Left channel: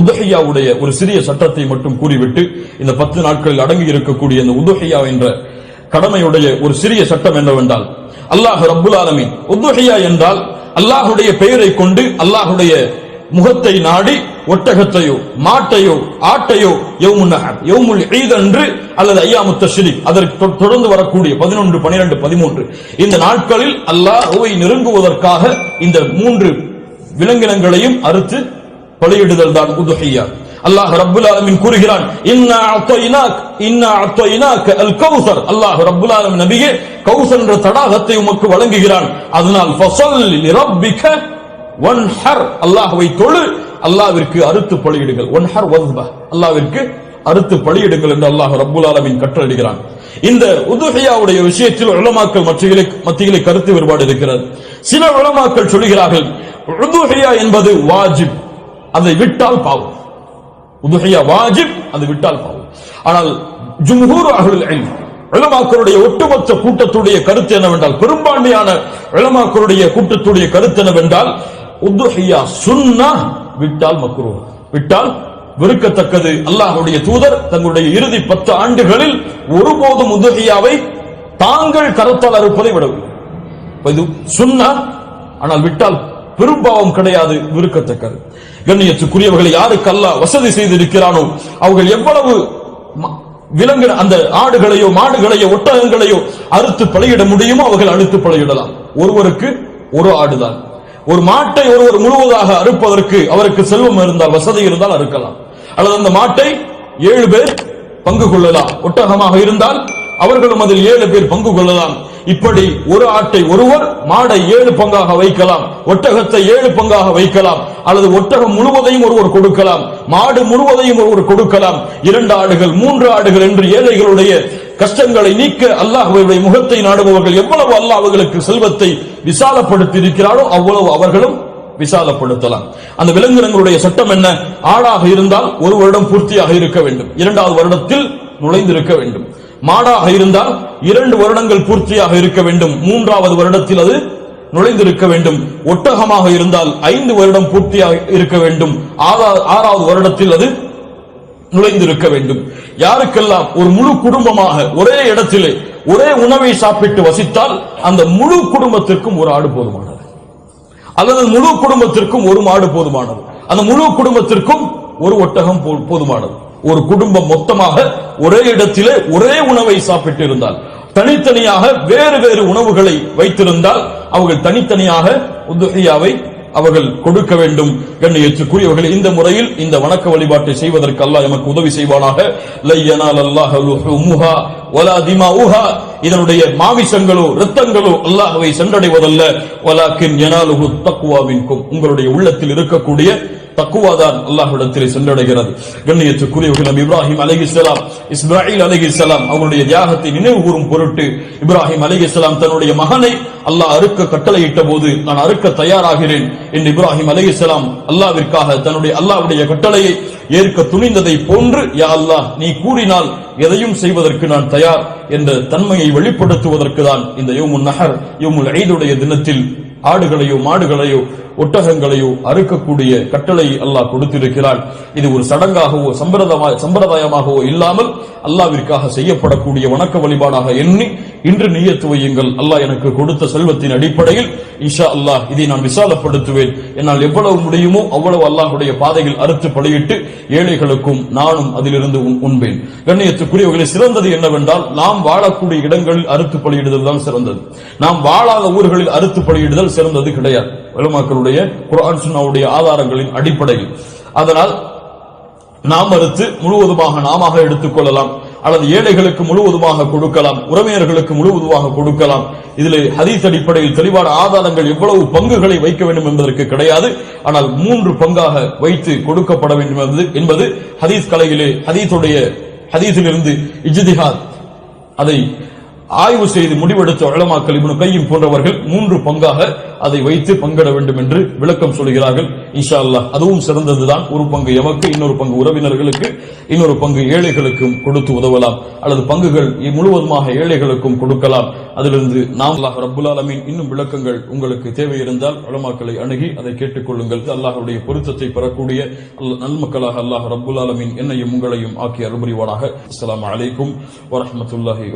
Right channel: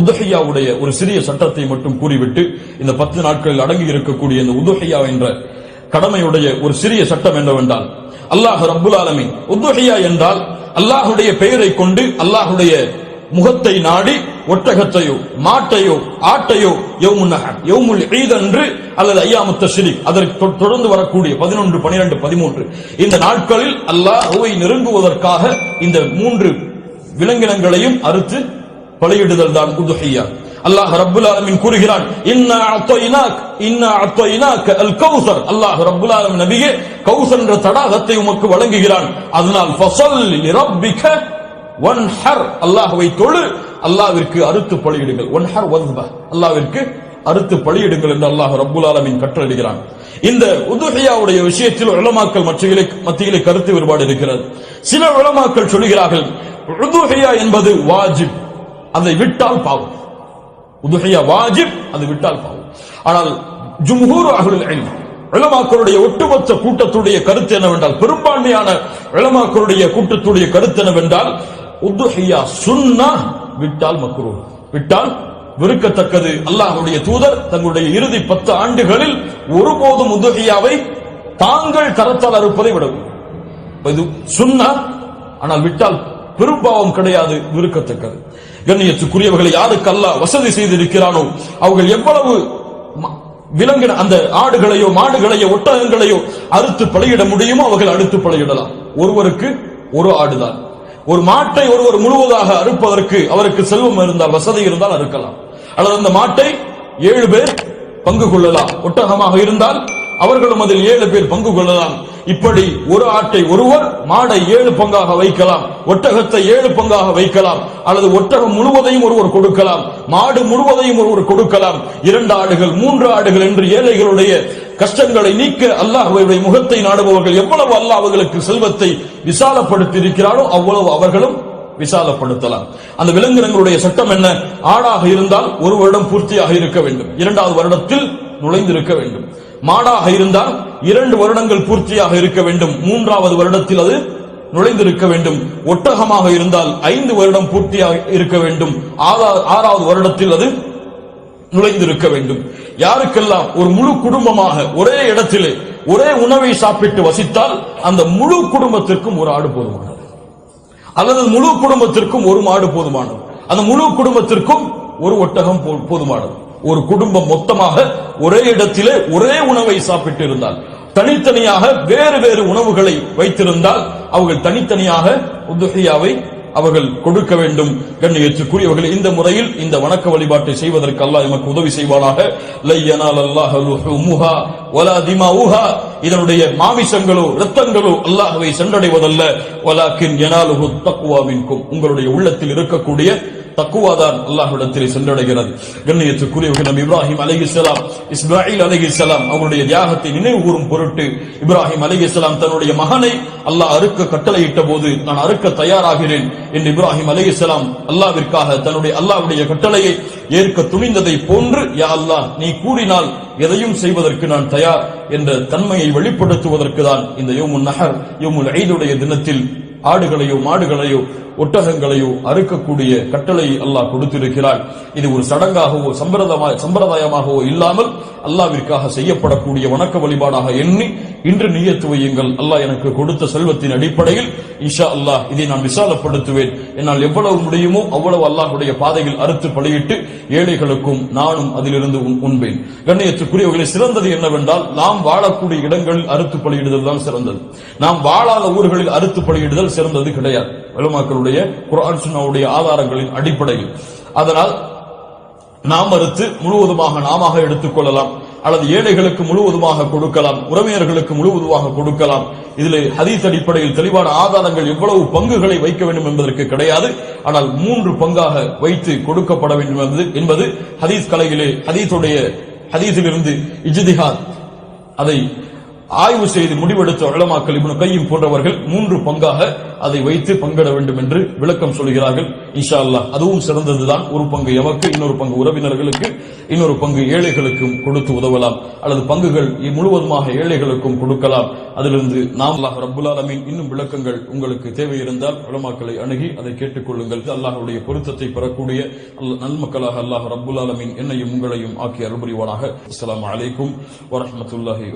உதுஹியாவுடைய ஒரு சிறிய சட்டத்தை மட்டும் கூறிவிட்டு இந்த 10 நாட்களில் அடங்கி இருக்கக்கூடிய இந்த உதுஹியா என்ற கடமையுடைய ஒரு சிறிய சட்டம் என்னவென்றால், அல்லாஹ் ரப்புல் ஆலமீன் உதுஹியா என்றால் அல்லாஹுடைய பெயரை கொண்டு அல்லாஹுடைய முகத்தை நாடி ஒட்டகத்தையோ மாட்டையோ ஆட்டையோ யௌமுன் நஹர் யௌமுல் ஈத் அன்று அல்லது அய்யாமுத் தஷ்ரீக் அதற்கு தொடர்ந்து வரக்கூடிய 11, 12, 13 இந்த நாட்களில் அல்லாஹ்வை நெருங்குவதற்காக இந்த 3 விலங்கினங்களையும் அறுத்து பலியிடுதல் தான் உதுஹியா. அல்லாஹ் ரப்புல் ஆலமீன் கூறுகிறான், இன்னா அத்தய்னாக அல் கௌசர். அல்லாஹ் ரப்புல் ஆலமீன் நபியே கௌசர் என்ற தடாகத்தை உமக்கு வழங்குகிறான். அதனால் ஃபஸல்லி லிரப்பிக வன்ஹர், அல்லாஹ்வை தொழு, அல்லாஹ்விற்கு அறுத்து பலியிடுங்கள். வன்ஹர் வஸ்ப, அல்லாஹ்விற்கு அறுத்து பலியிடுங்கள் என்று அல்லாஹ் ரப்புல் ஆலமீன் கட்டளையிடுகிறான். இந்த உதுஹியாவுடைய விஷயத்தில் உலமாக்கள் மத்தியிலே கருத்து வேறுபாடு இருக்கிறது. சில உலமாக்கள் சொல்கிறார்கள் உதுஹியா என்பது வாஜிப், அதை விட்டால் பாவம். உதுஹியா வாஜிப், அது விட்டால் பாவம். ஆனால் ஜும்ஹூர் அஹ்லுல் இல்ம் உலமாக்களுடைய ஒட்டுமொத்த கூட்டத்துடைய கருத்து என்னவென்றால், பெரும்பான்மையான உலமாக்களுடைய கூட்டத்துடைய கருத்து என்னவென்றால், உதுஹியா சுன்னah, விட்டால் மக்ரூஹ், விட்டால் வெறுக்கத்தக்கது. அல்லாஹ்வுடைய தூதர் தங்களுடைய இறுதி 10 ஆண்டுகளில் ஒருபோதும் உதுஹியாவை தாங்கள் கரத்தால் அறுப்பதை விடவில்லை. இது சுன்னah, ஆனால் விட்டால் பெரும்பாவம் கிடையாது, வெறுக்கத்தக்கது. கண்ணியத்துக்குரியவர்களை யாருக்கு அல்லாஹ் வசதி செய்திருக்கிறானோ அவர்கள் எவ்வளவு விலங்கு அந்த ஆடுகளையோ மாடுகளையோ ஒட்டகங்களையோ அறுத்து பலியிட முடியுமோ அவர்கள் அறுத்து பலியிடலாம். ஒருவருக்கு ஒரு ஆடுதான். ஒரு மாட்டை ஒருவர் முழுவதாக அறுப்பதற்கு அவருக்கு செல்வம் இருந்தால், வசதி இருந்தால் அறுக்கலாம். அல்லது அந்த மாட்டை 7 பேர் பங்கு கொள்ளலாம். ஒட்டகமாக இருந்தால் அவர்களும் அதில் 7 பேர் பங்கு கொள்ளலாம். இப்படி ஒரு ஆட்டை ஒருவர், மாடை 7 பங்காக வைக்கலாம், ஒட்டகத்தை 7 பங்காக வைக்கலாம். அல்லது ஒட்டகம் முழுவதையும் ஒருவர் கொடுக்கலாம், மாடு முழுவதையும் ஒருவர் கொடுக்கலாம். 2 ஆடுகள் 3 ஆடுகள் என்று ஏழைகளுடைய கஷ்டங்களை நீக்க அல்லாஹ்வுடைய முகத்தை நாடுபவர்கள் எவ்வளவு அல்லாஹ் அவர்களுக்கு செல்வத்தை விசாலப்படுத்தி இருக்கிறாரோ அவ்வளவு அவர்களும் விசாலப்படுத்தலாம். அந்த விலங்கினங்களுடைய சட்டம் என்ன? ஆடாக இருந்தால் 1 வருடம் பூர்த்தியாக இருக்க வேண்டும், 2வது வருடத்தில் நுழைந்திருக்க வேண்டும். மாடாக இருந்தால் 2 வருடங்கள் பூர்த்தியாக இருக்க வேண்டும், 3வது வருடத்தில் அது நுழைந்திருக்க வேண்டும். ஒட்டகமாக இருந்தால் 5 வருடம் பூர்த்தியாக இருக்க வேண்டும், 6வது வருடத்தில் அது நுழைந்திருக்க வேண்டும். யாருக்கெல்லாம் ஒரு முழு குடும்பமாக ஒரே இடத்திலே ஒரே உணவை சாப்பிட்டு வசித்தால் அந்த முழு குடும்பத்திற்கும் ஒரு ஆடு போதுமானது, அல்லது முழு குடும்பத்திற்கும் ஒரு மாடு போதுமானது, அந்த முழு குடும்பத்திற்கும் ஒரு ஒட்டகம் போதுமானது. ஒரு குடும்பம் மொத்தமாக ஒரே இடத்திலே ஒரே உணவை சாப்பிட்டு இருந்தால், தனித்தனியாக வேறு வேறு உணவுகளை வைத்திருந்தால் அவர்கள் தனித்தனியாக உதுஹியாவை அவர்கள் கொடுக்க வேண்டும். கண்ணியத்துக்குரியவர்கள், இந்த முறையில் இந்த வணக்க வழிபாட்டை செய்வதற்கு அல்லாஹ் எமக்கு உதவி செய்வானாக. லை யனாலல்லாஹு லுஹூமுஹா வலா திமாஉஹா, இதனுடைய மாமிசங்களோ இரத்தங்களோ அல்லாஹ்வை சென்றடைவதல்ல. வலாக்கின் யனாலுஹு தக்வா மின்கும், உங்களுடைய உள்ளத்தில் இருக்கக்கூடிய தக்குவாதான் அல்லாஹ்விடத்தில் சென்றடைகிறது. கண்ணியத்துக்குரியவர்கள், நபி இப்ராஹிம் அலைஹிஸ்ஸலாம், இஸ்மாயில் அலைஹிஸ்ஸலாம் அவருடைய தியாகத்தை நினைவு கூறும் பொருட்டு இப்ராஹிம் அலைஹிஸ்ஸலாம் தன்னுடைய மகனை அல்லாஹ் அறுக்க கட்டளையிட்ட போது, நான் அறுக்க தயாராகிறேன் என்று இப்ராஹிம் அலைஹிஸ்ஸலாம் அல்லாஹ்விற்காக தன்னுடைய அல்லாஹ்வுடைய கட்டளையை ஏற்க துணிந்ததை போன்று, யா அல்லாஹ் நீ கூறினால் எதையும் செய்வதற்கு நான் தயார் என்ற தன்மையை வெளிப்படுத்துவதற்கு தான் இந்த யௌமுன் நஹர் யௌமுல் ஈதுடைய தினத்தில் ஆடுகளையோ மாடுகளையோ ஒட்டகங்களையோ அறுக்கக்கூடிய கட்டளை அல்லாஹ் கொடுத்திருக்கிறார். இது ஒரு சடங்காகவோ சம்பிரதாயமாகவோ இல்லாமல் அல்லாஹ்விற்காக செய்யப்படக்கூடிய வணக்க வழிபாடாக எண்ணி இன்று நியத்து வையுங்கள். அல்லாஹ் எனக்கு கொடுத்த செல்வத்தின் அடிப்படையில் இன்ஷா அல்லாஹ் இதை நான் விசாலப்படுத்துவேன். என்னால் எவ்வளவு முடியுமோ அவ்வளவு அல்லாஹ்வுடைய பாதையில் அறுத்து பலியிட்டு ஏழைகளுக்கும் நானும் அதிலிருந்து உண்பேன். கண்ணியத்துக்குரியவர்களை, சிறந்தது என்னவென்றால் நாம் வாழக்கூடிய இடங்களில் அறுத்து பலியிடுதல் தான் சிறந்தது. நாம் வாழாத ஊர்களில் அறுத்து பலியிடுதல் சிறந்தது கிடையாது, உலமாக்களுடைய குர்ஆன் சுன்னாவுடைய ஆதாரங்களின் அடிப்படையில். அதனால் நாம் அறுத்து முழுவதுமாக நாம எடுத்துக் கொள்ளலாம், அல்லது ஏழைகளுக்கு முழுவதுமாக கொடுக்கலாம், உறவினர்களுக்கு முழுவதுமாக கொடுக்கலாம். இதில் ஹதீஸ் அடிப்படையில் தெளிவான ஆதாரங்கள் எவ்வளவு பங்குகளை வைக்க வேண்டும் என்பதற்கு கிடையாது. ஆனால் 3 பங்காக வைத்து கொடுக்கப்பட வேண்டும் என்பது ஹதீஸ் கலையிலே ஹதீஸிலிருந்து இஜ்திஹாத் அதை ஆய்வு செய்து முடிவெடுத்த உலமாக்கள் இப்னு கையிம் போன்றவர்கள் 3 பங்காக அதை வைத்து பங்கிட வேண்டும் என்று விளக்கம் சொல்கிறார்கள். இன்ஷா அல்லாஹ் அதுவும் சிறந்ததுதான். ஒரு பங்கு எமக்கு, இன்னொரு பங்கு உறவினர்களுக்கு, இன்னொரு பங்கு ஏழைகளுக்கும் கொடுத்து உதவலாம், அல்லது பங்குகள் முழுவதுமாக ஏழைகளுக்கும் கொடுக்கலாம். அதிலிருந்து நாம் அல்லாஹ் ரப்புல் ஆலமீன் இன்னும் விளக்கங்கள் உங்களுக்கு தேவை இருந்தால் உலமாக்களை அணுகி அதை கேட்டுக்கொள்ளுங்கள். அல்லாஹ்வுடைய பொருத்தத்தை பெறக்கூடிய நன்மக்களாக அல்லாஹ் ரப்புல் ஆலமீன் என்னையும் உங்களையும் ஆக்கி அருள் புரிவானாக. அஸ்ஸலாமு அலைக்கும் வரஹ்மத்துல்லாஹி